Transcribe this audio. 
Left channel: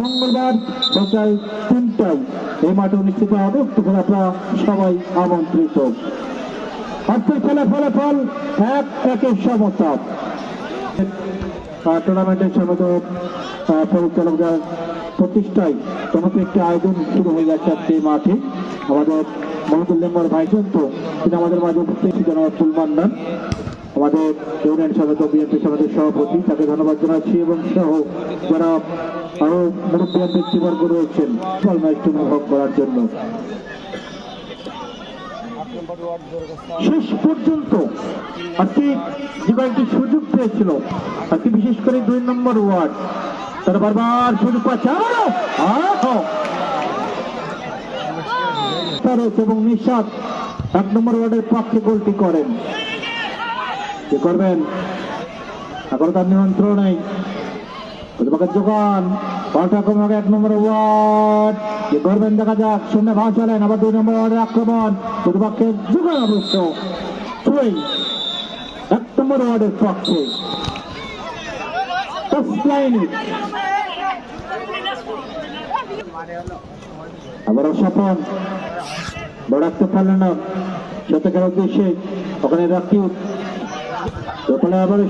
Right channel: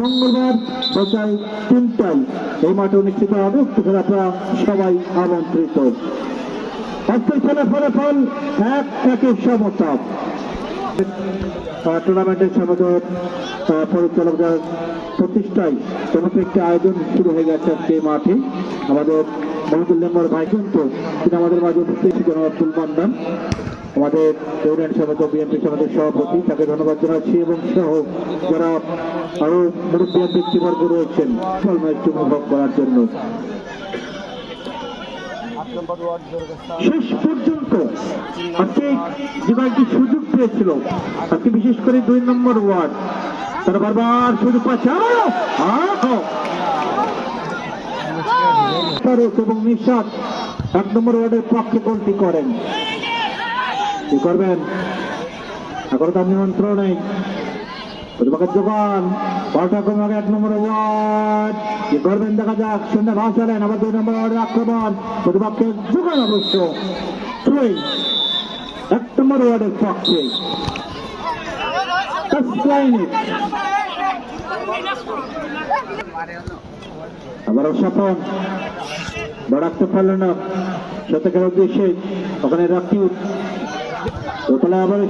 মঙ্গলবার সকাল 3টায় এই মাঠে অনুষ্ঠিত হবে। আপনারা সবাই আমন্ত্রিত। আজকের ফলাফল 1-1 সমতা। টুর্নামেন্টের সমাধান পরিচালকদের প্রতিষ্ঠায় চমৎকার একটি আয়োজন শুরু হয়ে গেছে আজকে মাঠে। আমাদের মহিদুল মেম্বার ভাই কিন্তু তিনি আমাদের মাঝে উপস্থিত ফুলবান্ডান আমাদের ইউনিয়ন সমিতি বিএনপি সমিতির সভাপতি, তাকে ধন্যবাদ জানাচ্ছি এবং সহ যারা আরো মুরব্বী ব্যক্তিবর্গ রয়েছেন ম্যাচটি উপভোগ করার জন্য। শেষ পর্যন্ত আজকে যে কয়েকটি সুযোগ পেয়েছিল তাকে বিশেষ করে 2 নম্বর ওয়ার্ড তারা বারবার সুযোগ পাচ্ছে এবং নিঃশ্বাস 1 নম্বর ওয়ার্ডের পক্ষে গোলটি করেন। কি করবেন এখন তার নিয়ন্ত্রণ নেই। যোগান বলটা কমাবে 1 নম্বর ওয়ার্ড কি করবেন দেখা যাক। সুন্দর ভাব চালেন আবার 2 নম্বর ওয়ার্ডে আক্রমণ প্রতিপক্ষের যোগান অবশ্য 1 নম্বর ওয়ার্ডের পক্ষে আবার স্বপন বড়াতে পারলেন না শতকের উদ্দেশ্যে ওখানে রাখি আবার